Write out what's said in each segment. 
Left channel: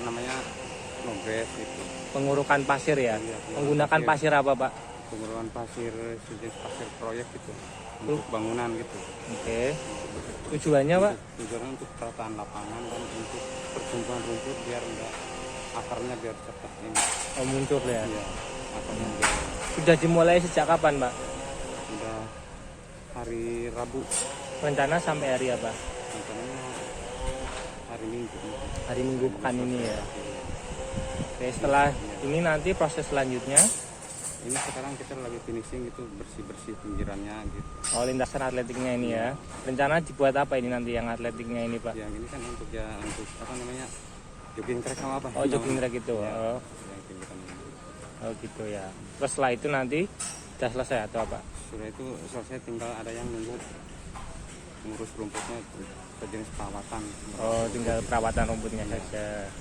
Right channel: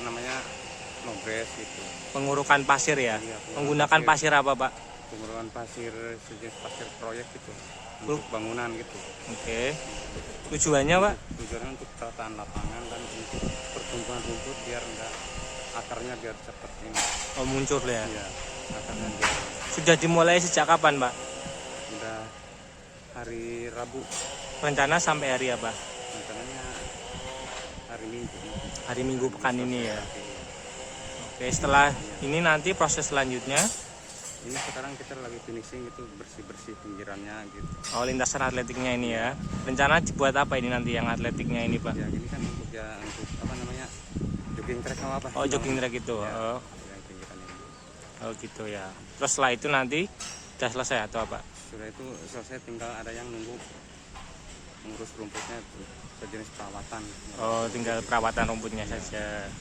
namanya nogres gitu. Pengurukan pasir ya? Iya, Menggunakan pasir apa Pak? pengurukan pasir sejenis pasir proyek gitu untuk bangunan gitu. Oke. Tujuannya Pak? Tujuannya untuk perataan lapangan dan untuk pertumbuhan rumput biar enggak akarnya biar cepat ini. Oh, muncul ya? Iya, akarnya biar. Sudah dimulai sejak kapan Pak? Udah hari Rabu. Rencana sampai hari apa? Rencananya hari Minggu. Hari Minggu pekan ini ya? Iya. Oke, setelah ini nanti proses selanjutnya? Ini sekarang kita lagi finishing itu bersih-bersih pinggirannya gitu. Oh, lintasan atletiknya ini ya? Rencana dibuat apa ini nanti yang atletiknya ini Pak? Ya ini kan untuk apa namanya, jogging track sama apa? Oh, jogging track itu? Ya, Oh. yang pinggiran ini. Oh gitu ya. Terus setelah itu nanti sudah selesai atau apa? Sudah itu selesai, tinggal ada yang nunggu mengurus rumputnya itu sejenis perawatan. Oh, tinggal perawatan rumputnya saja.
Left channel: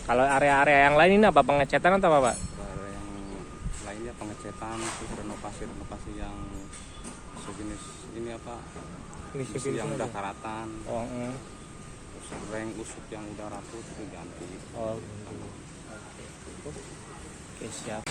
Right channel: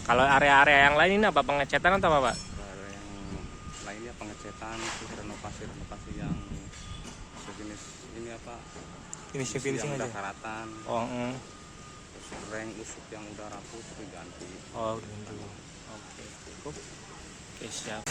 Kalau area-area yang lain ini apa, pengecatan atau apa Pak? Kalau yang lainnya pengecetan, terus renovasi yang sejenis ini apa? Ini Besi yang udah karatan, Oh, terus reng usuk yang udah rapuh itu ganti. oh gitu. Oke. Oke, siap.